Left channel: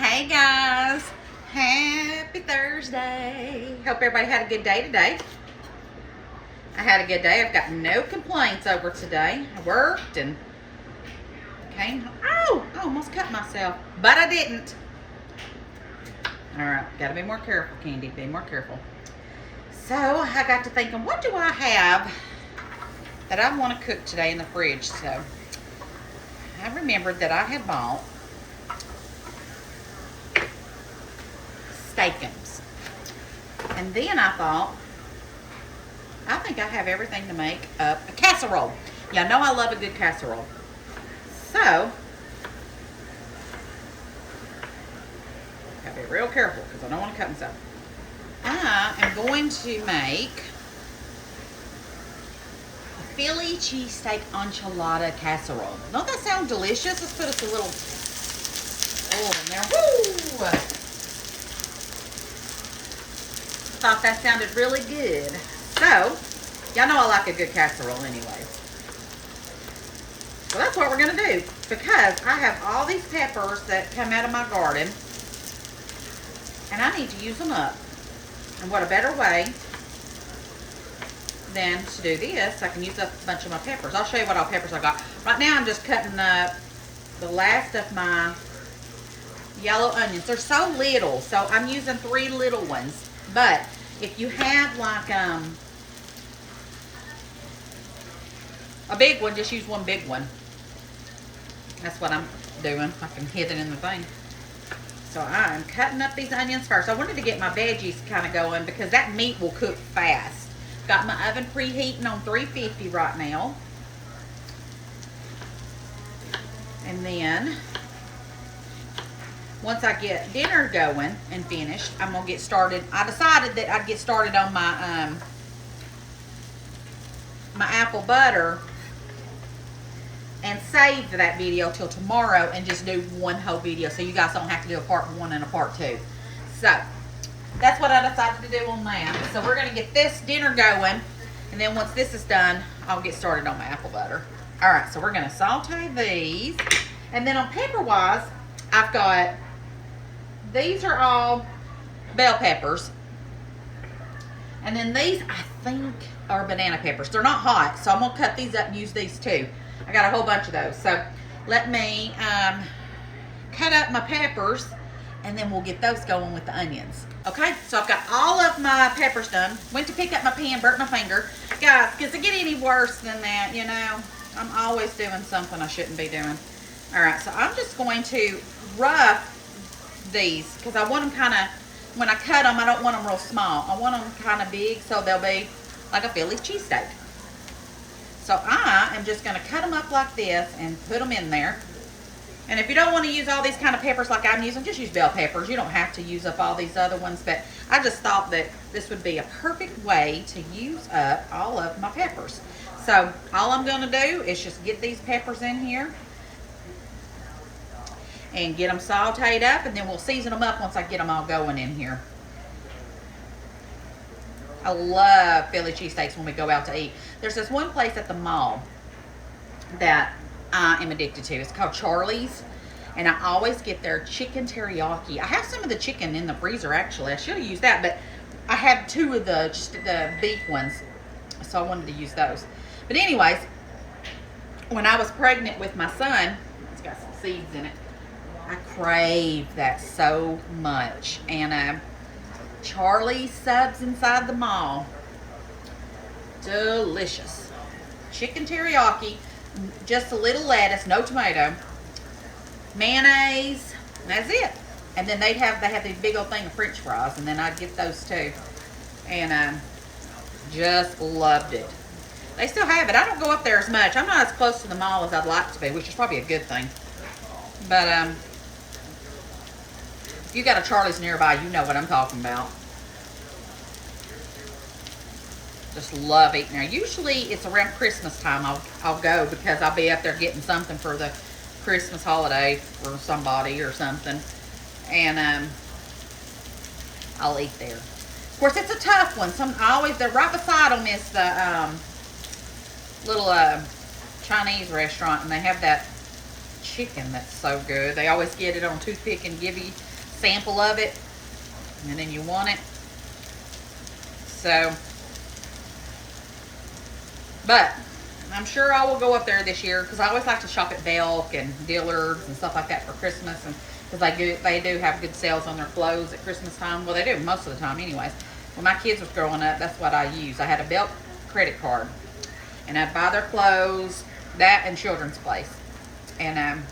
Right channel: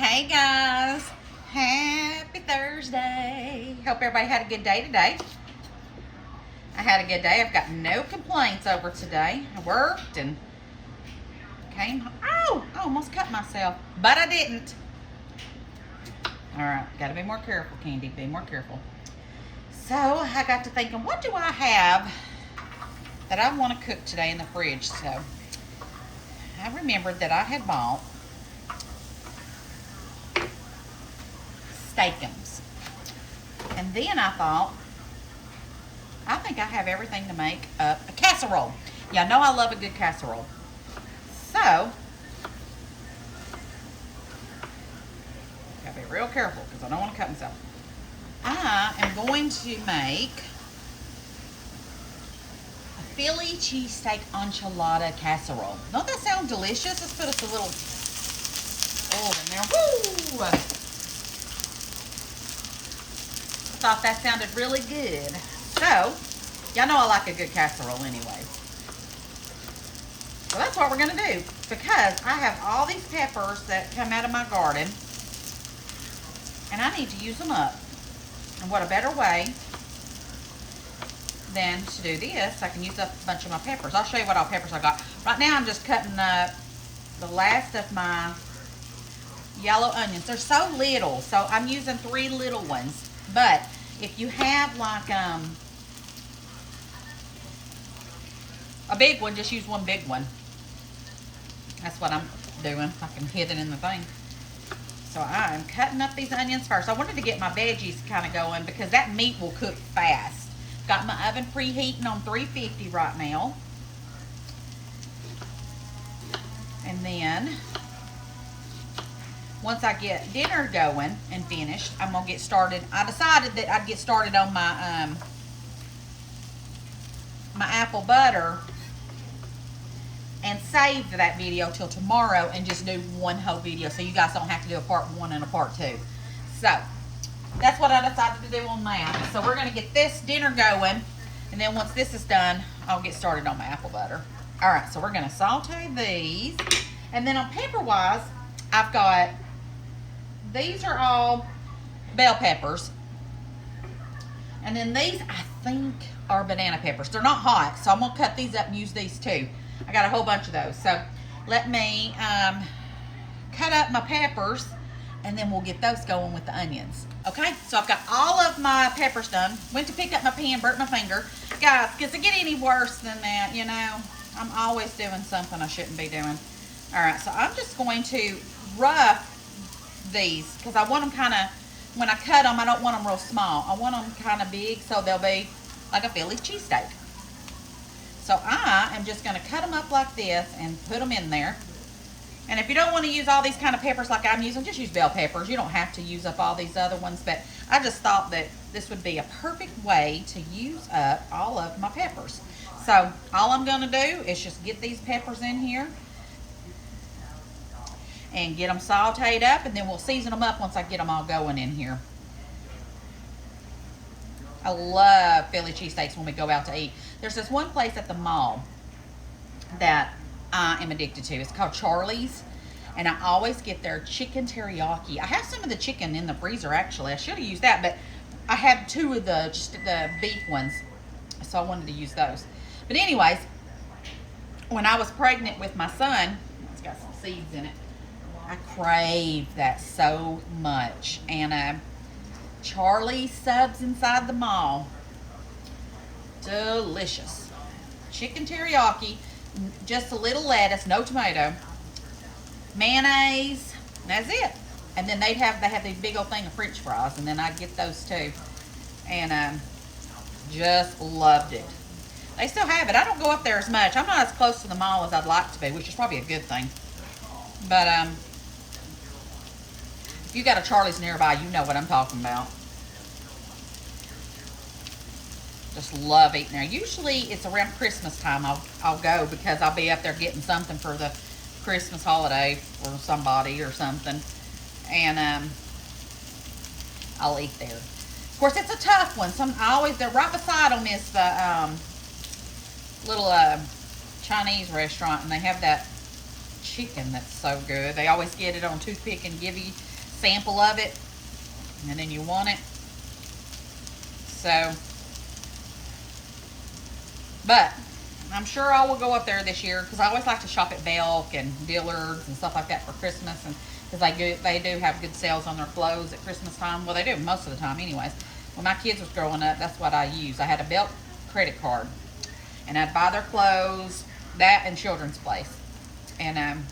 Hey guys, happy Thursday. Hope everybody had a good day today. I had a good day. I've got no complaints over today. I worked and came home. Oh, I almost cut myself, but I didn't. All right, gotta be more careful, Candy, be more careful. So I got to thinking, what do I have that I want to cook today in the fridge? So I remembered that I had bought steakums. And then I thought, I think I have everything to make up a casserole. Y'all know I love a good casserole. So, gotta be real careful because I don't want to cut myself. I am going to make a Philly cheesesteak enchilada casserole. Don't that sound delicious? Let's put us a little oil in there. Woo! Thought that sounded really good. So, y'all know I like a good casserole anyways. So that's what we're gonna do, because I have all these peppers that come out of my garden and I need to use them up. And what a better way than to do this. I can use up a bunch of my peppers. I'll show you what all peppers I got. Right now I'm just cutting up the last of my yellow onions. They're so little, so I'm using 3 little ones. But if you have like a big one, just use 1 big one. That's what I'm doing. I can hit it in the thing. So I'm cutting up these onions first. I wanted to get my veggies kind of going because that meat will cook fast. Got my oven preheating on 350 right now. And then once I get dinner going and finished, I'm gonna get started. I decided that I'd get started on my my apple butter and save that video till tomorrow and just do one whole video so you guys don't have to do a part 1 and a part 2. So that's what I decided to do on that. So we're gonna get this dinner going, and then once this is done, I'll get started on my apple butter. All right, so we're gonna saute these, and then on pepper wise, I've got, these are all bell peppers, and then these I think are banana peppers. They're not hot, so I'm gonna cut these up and use these too. I got a whole bunch of those. So let me cut up my peppers, and then we'll get those going with the onions. Okay, so I've got all of my peppers done. Went to pick up my pen, burnt my finger. Guys, does it get any worse than that? You know, I'm always doing something I shouldn't be doing. All right, so I'm just going to rough these because I want them kind of, when I cut them, I don't want them real small. I want them kind of big so they'll be like a Philly cheesesteak. So I am just going to cut them up like this and put them in there. And if you don't want to use all these kind of peppers like I'm using, just use bell peppers. You don't have to use up all these other ones, but I just thought that this would be a perfect way to use up all of my peppers. So all I'm going to do is just get these peppers in here and get them sauteed up, and then we'll season them up once I get them all going in here. I love Philly cheesesteaks when we go out to eat. There's this one place at the mall that I am addicted to. It's called Charlie's, and I always get their chicken teriyaki. I have some of the chicken in the freezer actually. I should have used that, but I have 2 of the beef ones, so I wanted to use those. But anyways, when I was pregnant with my son, it's got some seeds in it. I craved that so much, and Charlie's subs inside the mall, delicious. Chicken teriyaki, just a little lettuce, no tomato, mayonnaise, that's it. And then they have these big old thing of French fries, and then I'd get those too, and just loved it. They still have it. I don't go up there as much. I'm not as close to the mall as I'd like to be, which is probably a good thing. But if you got a Charlie's nearby, you know what I'm talking about. Just love eating there. Usually it's around Christmas time I'll go, because I'll be up there getting something for the Christmas holiday for somebody or something, and I'll eat there. Of course, it's a tough one. They're right beside them is the little Chinese restaurant, and they have that chicken that's so good. They always get it on toothpick and give you sample of it, and then you want it. So, but I'm sure I will go up there this year because I always like to shop at Belk and Dillard's and stuff like that for Christmas, and because they do have good sales on their clothes at Christmas time. Well, they do most of the time anyways. When my kids was growing up, that's what I used. I had a Belk credit card, and I'd buy their clothes, that and Children's Place, and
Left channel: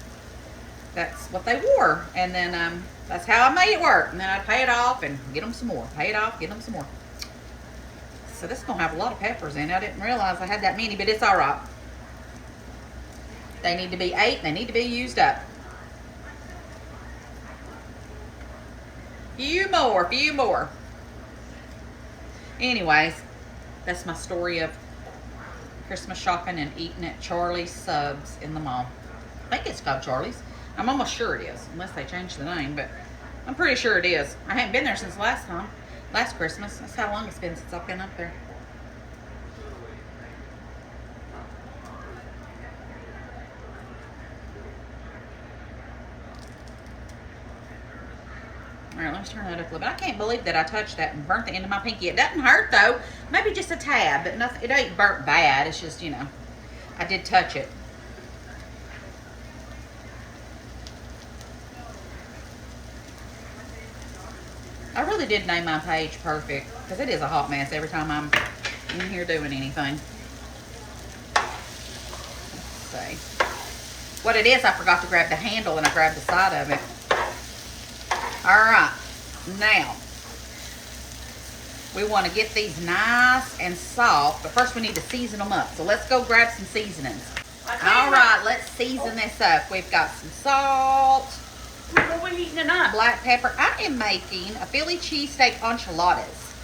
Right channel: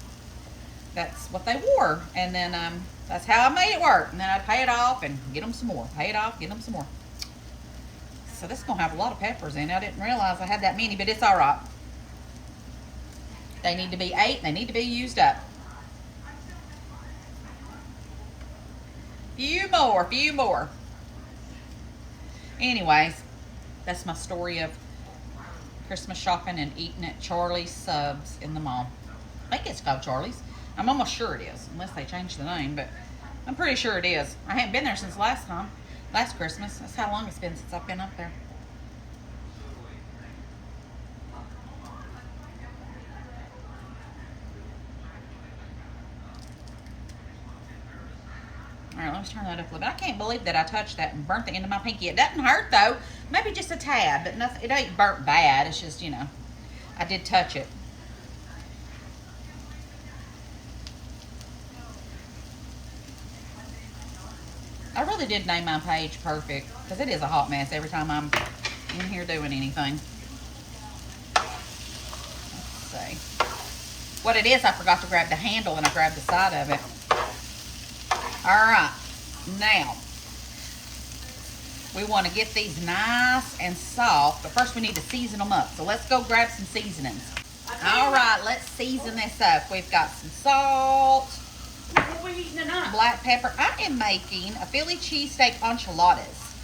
that's what they wore. And then that's how I made it work. And then I'd pay it off and get them some more. Pay it off, get them some more. So this is gonna have a lot of peppers in it. I didn't realize I had that many, but it's all right. They need to be ate. They need to be used up. Few more. Anyways, that's my story of Christmas shopping and eating at Charlie's Subs in the mall. I think it's called Charlie's. I'm almost sure it is, unless they changed the name, but I'm pretty sure it is. I haven't been there since last Christmas. That's how long it's been since I've been up there. All right, let's turn that up a little bit. I can't believe that I touched that and burnt the end of my pinky. It doesn't hurt though. Maybe just a tad, but nothing. It ain't burnt bad. It's just, you know, I did touch it. I really did name my page Perfect because it is a hot mess every time I'm in here doing anything. Let's see. What it is, I forgot to grab the handle and I grabbed the side of it. All right, now we want to get these nice and soft, but first we need to season them up. So let's go grab some seasonings. All right, let's season this up. We've got some salt, What are we eating tonight? black pepper. I am making a Philly cheesesteak enchiladas.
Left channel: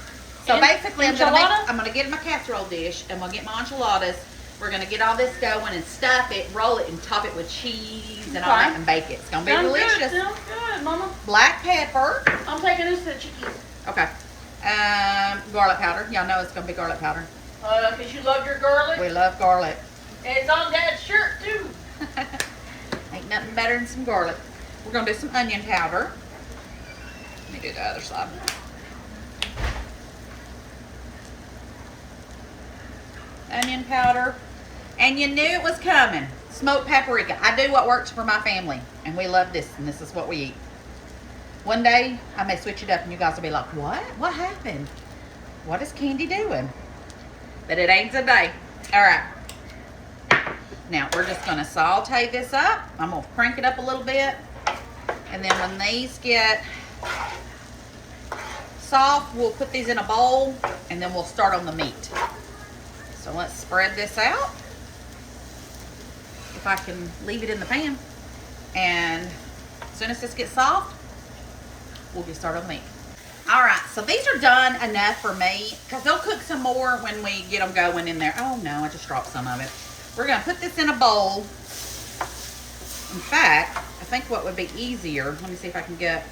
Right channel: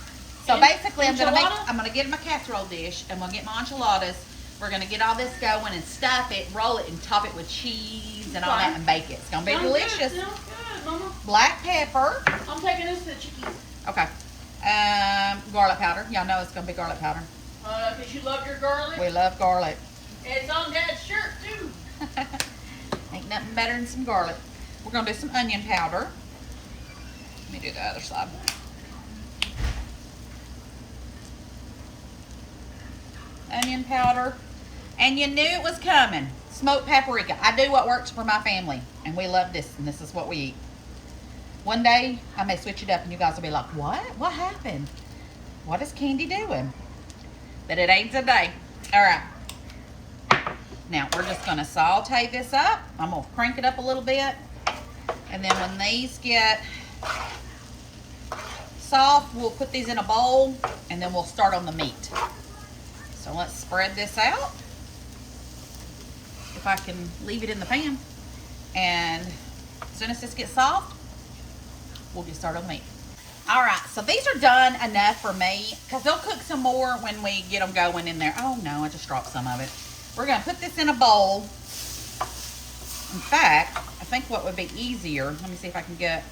So basically, I'm gonna get my casserole dish and we'll get my enchiladas. We're gonna get all this going and stuff it, roll it, and top it with cheese and all that, and bake it. It's gonna be delicious. Sounds good, Mama. Black pepper. I'm taking this to the chicken. Okay. Garlic powder. Y'all know it's gonna be garlic powder. Cause you love your garlic. We love garlic. And it's on Dad's shirt too. Ain't nothing better than some garlic. We're gonna do some onion powder. Let me do the other side. Onion powder. And you knew it was coming. Smoked paprika. I do what works for my family. And we love this, and this is what we eat. One day, I may switch it up and you guys will be like, what? What happened? What is Candy doing? But it ain't today. All right. Now, we're just going to saute this up. I'm going to crank it up a little bit. And then when these get soft, we'll put these in a bowl and then we'll start on the meat. So let's spread this out. If I can leave it in the pan. And as soon as this gets soft, we'll get started on the meat. All right, so these are done enough for me because they'll cook some more when we get them going in there. Oh no, I just dropped some of it. We're gonna put this in a bowl. In fact, I think what would be easier, let me see if I can get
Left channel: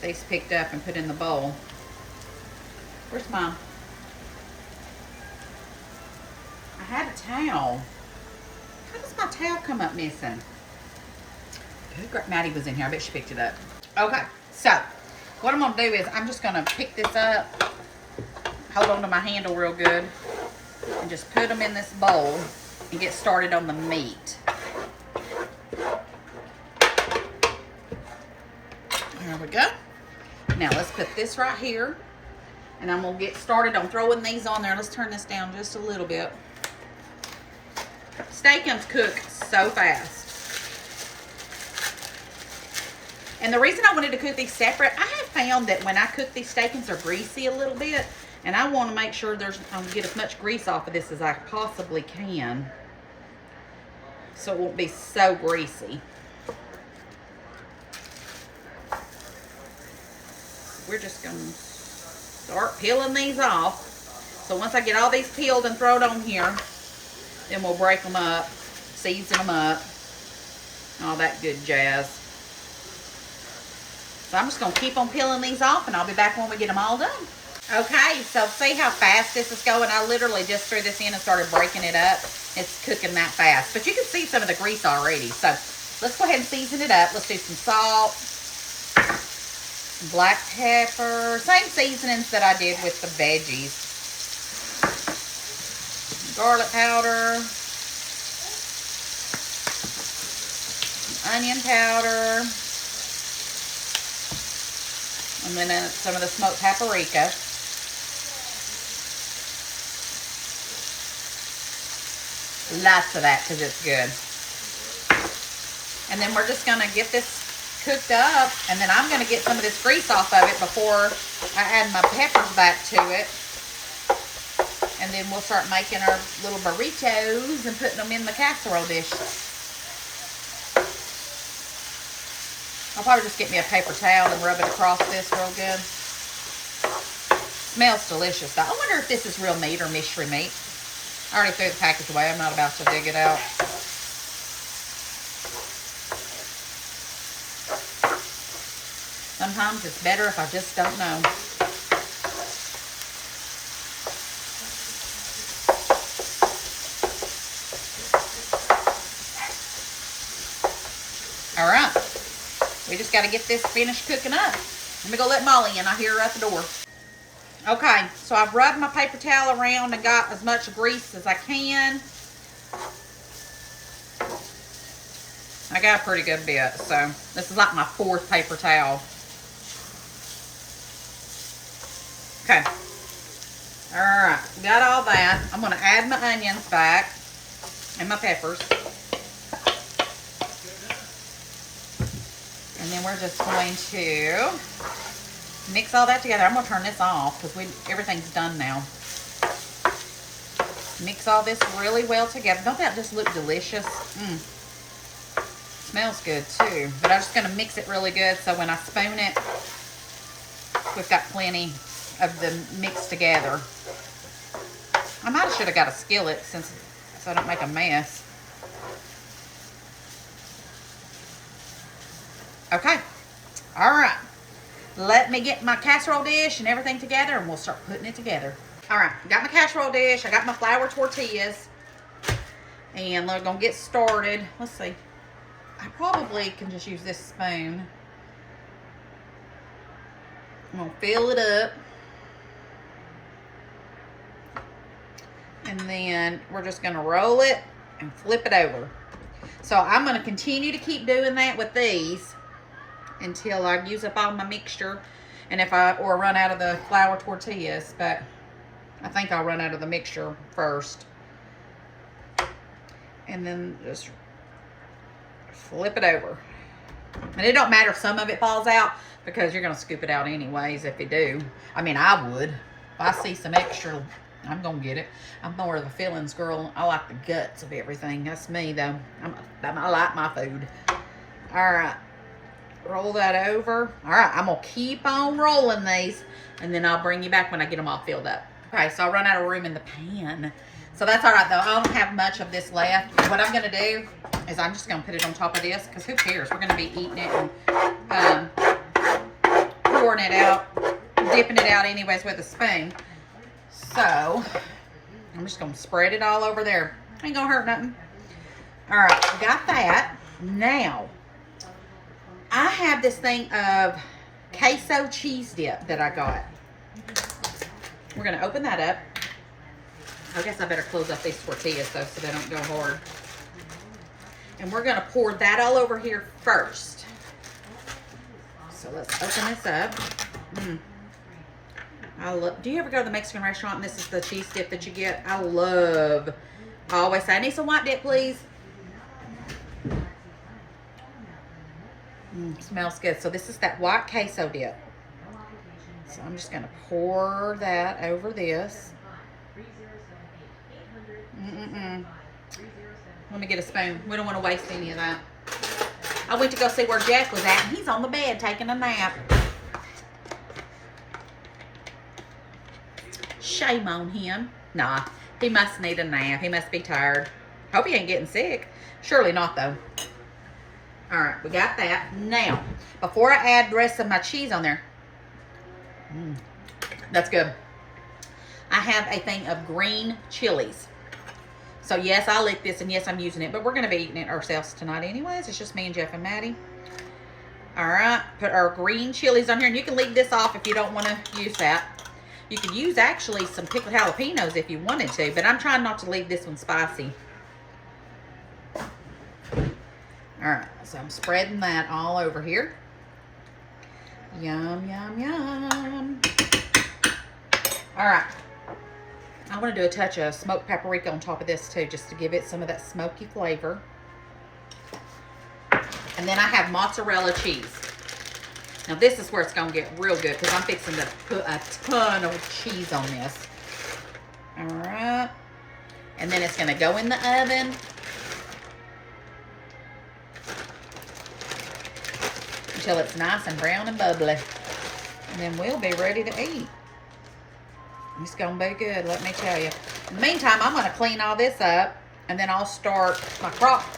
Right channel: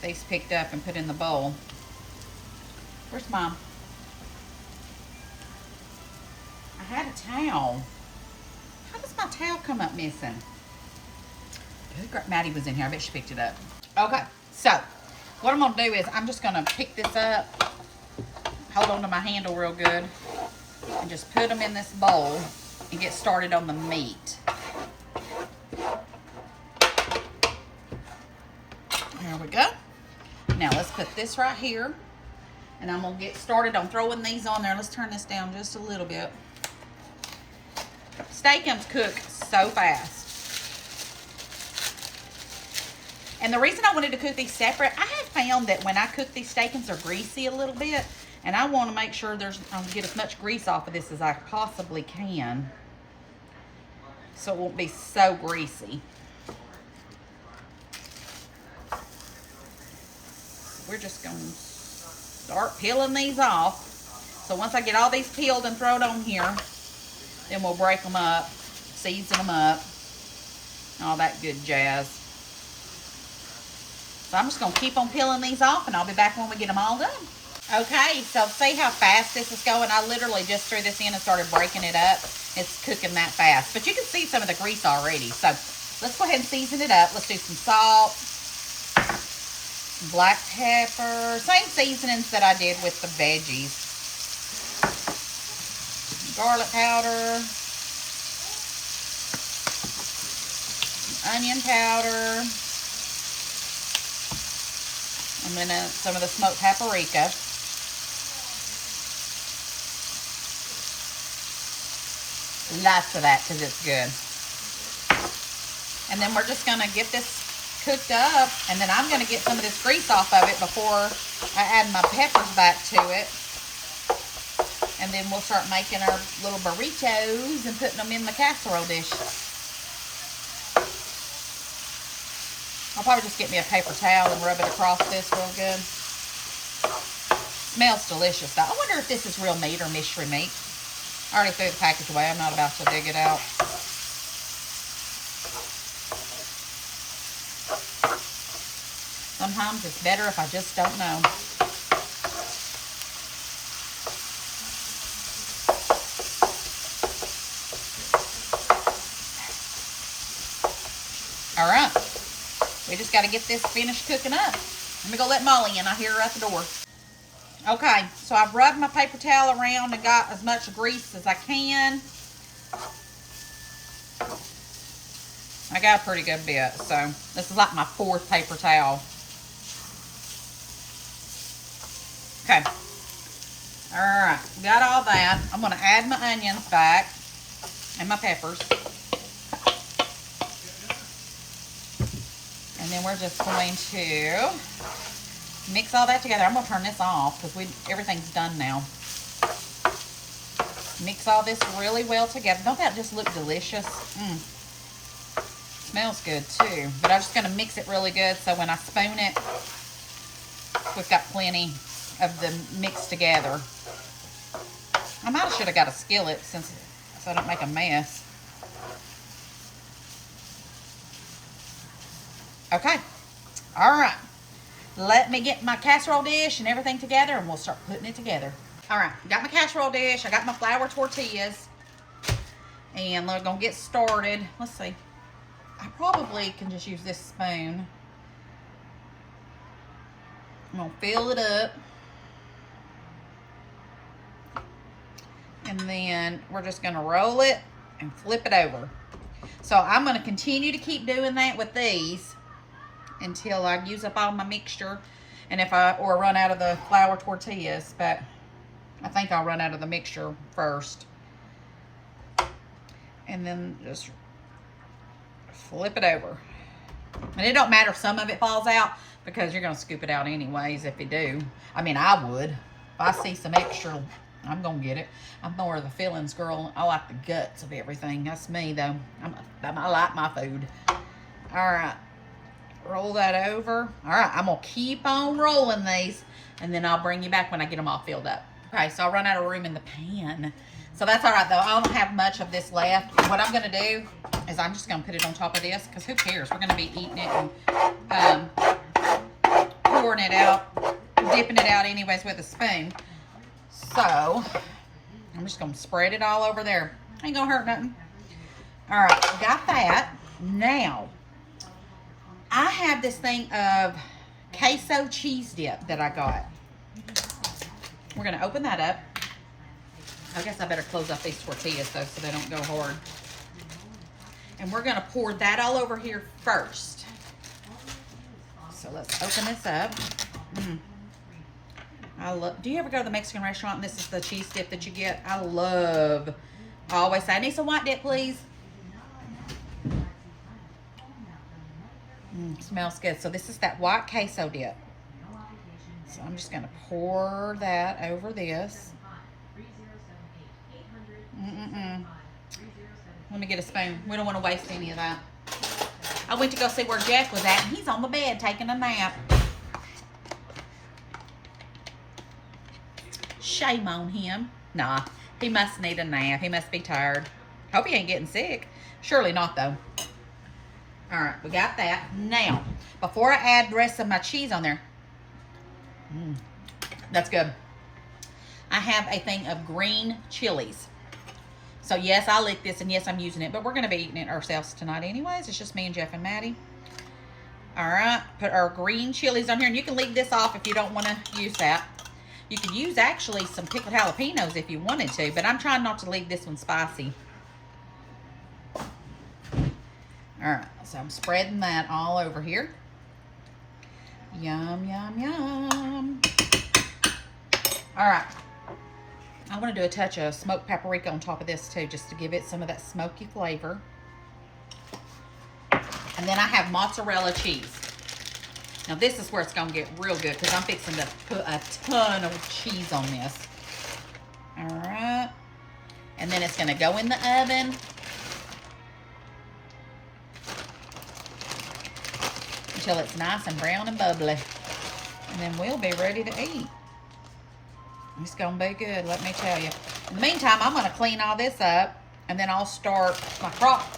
these picked up and put in the bowl. Where's mine? I had a towel. How does my towel come up missing? Maddie was in here. I bet she picked it up. Okay, so what I'm going to do is I'm just going to pick this up, hold on to my handle real good, and just put them in this bowl and get started on the meat. There we go. Now let's put this right here, and I'm going to get started on throwing these on there. Let's turn this down just a little bit. Steakums cook so fast. And the reason I wanted to cook these separate, I have found that when I cook these steakums, they're greasy a little bit. And I want to make sure I'm get as much grease off of this as I possibly can. So it won't be so greasy. We're just going to start peeling these off. So once I get all these peeled and thrown on here, then we'll break them up, season them up, all that good jazz. So I'm just going to keep on peeling these off, and I'll be back when we get them all done. Okay, so see how fast this is going? I literally just threw this in and started breaking it up. It's cooking that fast. But you can see some of the grease already. So let's go ahead and season it up. Let's do some salt, black pepper, same seasonings that I did with the veggies. Garlic powder, onion powder, and then some of the smoked paprika. Lots of that because it's good. And then we're just going to get this cooked up, and then I'm going to get some of this grease off of it before I add my peppers back to it. And then we'll start making our little burritos and putting them in the casserole dish. I'll probably just get me a paper towel and rub it across this real good. Smells delicious though. I wonder if this is real meat or mystery meat. I already threw the package away. I'm not about to dig it out. Sometimes it's better if I just don't know. All right. We just got to get this finished cooking up. Let me go let Molly in. I hear her at the door. Okay, so I've rubbed my paper towel around and got as much grease as I can. I got a pretty good bit, so this is like my 4th paper towel. Okay. All right, got all that. I'm going to add my onions back and my peppers. And then we're just going to mix all that together. I'm going to turn this off because everything's done now. Mix all this really well together. Don't that just look delicious? Smells good too. But I'm just going to mix it really good so when I spoon it, we've got plenty of the mix together. I might have should have got a skillet so I don't make a mess. Okay. All right. Let me get my casserole dish and everything together and we'll start putting it together. All right. Got my casserole dish. I got my flour tortillas. And we're going to get started. Let's see. I probably can just use this spoon. I'm going to fill it up. And then we're just going to roll it and flip it over. So I'm going to continue to keep doing that with these until I use up all my mixture and or run out of the flour tortillas, but I think I'll run out of the mixture first. And then just flip it over. And it don't matter if some of it falls out because you're going to scoop it out anyways if you do. I mean, I would. If I see some extra, I'm going to get it. I'm more of a fillings girl. I like the guts of everything. That's me though. I like my food. All right. Roll that over. All right, I'm going to keep on rolling these, and then I'll bring you back when I get them all filled up. Okay, so I'll run out of room in the pan. So that's all right, though. I don't have much of this left. What I'm going to do is I'm just going to put it on top of this, because who cares? We're going to be eating it and pouring it out, dipping it out anyways with a spoon. So I'm just going to spread it all over there. Ain't going to hurt nothing. All right, got that. Now, I have this thing of queso cheese dip that I got. We're going to open that up. I guess I better close up these tortillas though so they don't go hard. And we're going to pour that all over here first. So let's open this up. Do you ever go to the Mexican restaurant and this is the cheese dip that you get? I always say, I need some white dip, please. Smells good. So this is that white queso dip. So I'm just going to pour that over this. Let me get a spoon. We don't want to waste any of that. I went to go see where Jeff was at, and he's on the bed taking a nap. Shame on him. Nah, he must need a nap. He must be tired. Hope he ain't getting sick. Surely not, though. All right, we got that. Now, before I add the rest of my cheese on there, that's good. I have a thing of green chilies. So, yes, I lit this, and yes, I'm using it, but we're going to be eating it ourselves tonight anyways. It's just me and Jeff and Maddie. All right, put our green chilies on here, and you can leave this off if you don't want to use that. You could use actually some pickled jalapenos if you wanted to, but I'm trying not to leave this one spicy. All right, so I'm spreading that all over here. Yum, yum, yum. All right, I want to do a touch of smoked paprika on top of this too, just to give it some of that smoky flavor. And then I have mozzarella cheese. Now this is where it's gonna get real good because I'm fixing to put a ton of cheese on this. All right, and then it's gonna go in the oven. Until it's nice and brown and bubbly. And then we'll be ready to eat. It's gonna be good, let me tell you. In the meantime, I'm gonna clean all this up, and then I'll start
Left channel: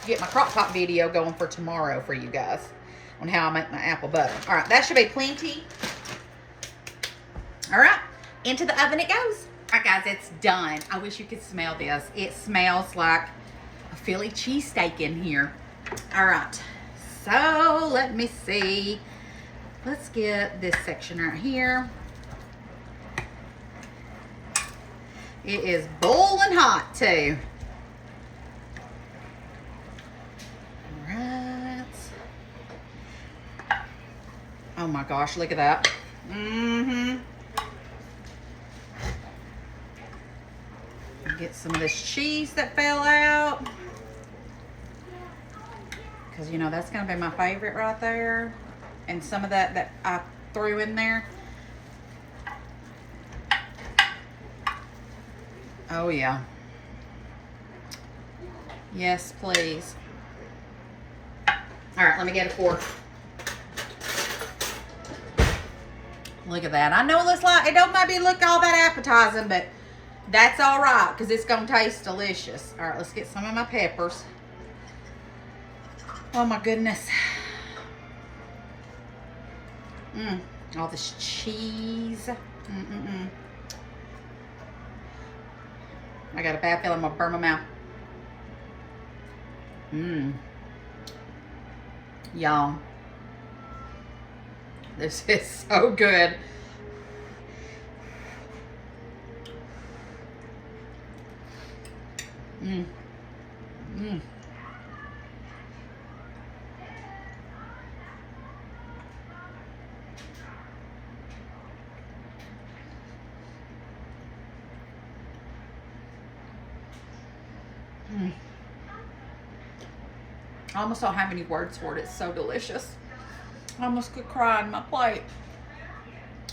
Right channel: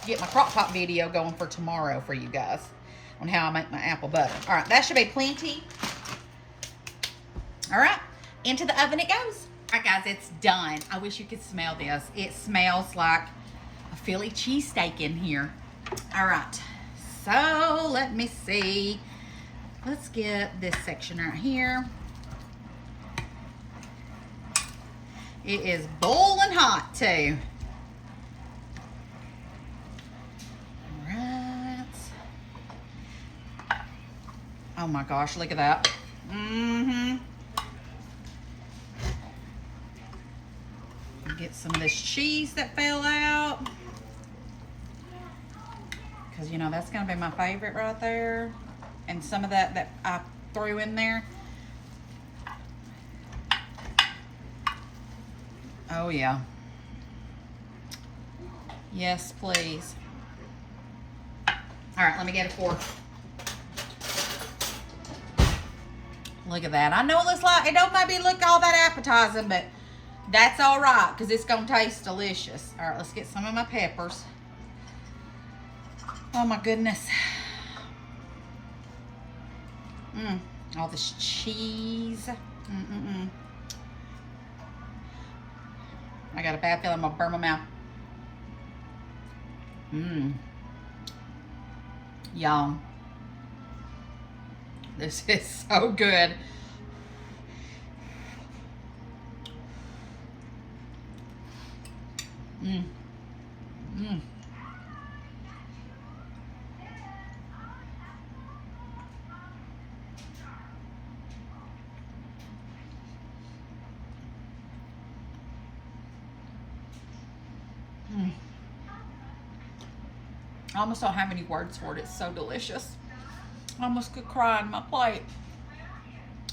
get my crock pot video going for tomorrow for you guys on how I make my apple butter. All right, that should be plenty. All right, into the oven it goes. All right, guys, it's done. I wish you could smell this. It smells like a Philly cheesesteak in here. All right. So let me see. Let's get this section right here. It is boiling hot too. All right. Oh my gosh, look at that. Get some of this cheese that fell out. Because, you know, that's going to be my favorite right there. And some of that I threw in there. Oh, yeah. Yes, please. All right, let me get a fork. Look at that. I know it don't maybe look all that appetizing, but that's all right because it's going to taste delicious. All right, let's get some of my peppers. Oh my goodness. All this cheese. I got a bad feeling I'm gonna burn my mouth. Y'all. This is so good. I almost don't have any words for it. It's so delicious. I almost could cry on my plate.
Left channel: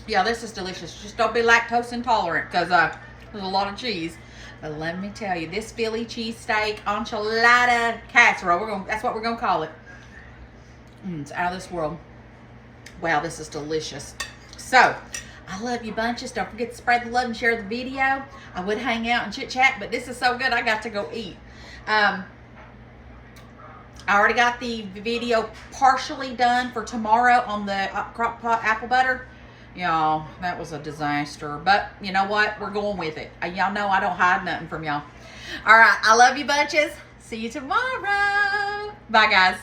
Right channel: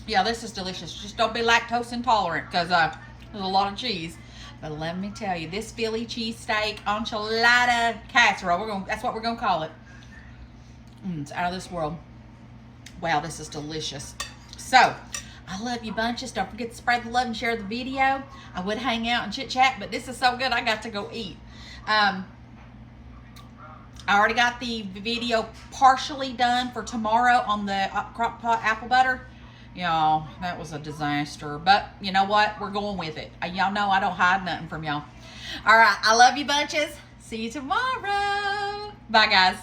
Yeah, this is delicious. Just don't be lactose intolerant because there's a lot of cheese. But let me tell you, this Philly cheesesteak enchilada casserole, that's what we're gonna call it. It's out of this world. Wow, this is delicious. So, I love you bunches. Don't forget to spread the love and share the video. I would hang out and chit chat, but this is so good, I got to go eat. I already got the video partially done for tomorrow on the crock pot apple butter. Y'all, that was a disaster. But you know what? We're going with it. Y'all know I don't hide nothing from y'all. All right. I love you bunches. See you tomorrow. Bye, guys.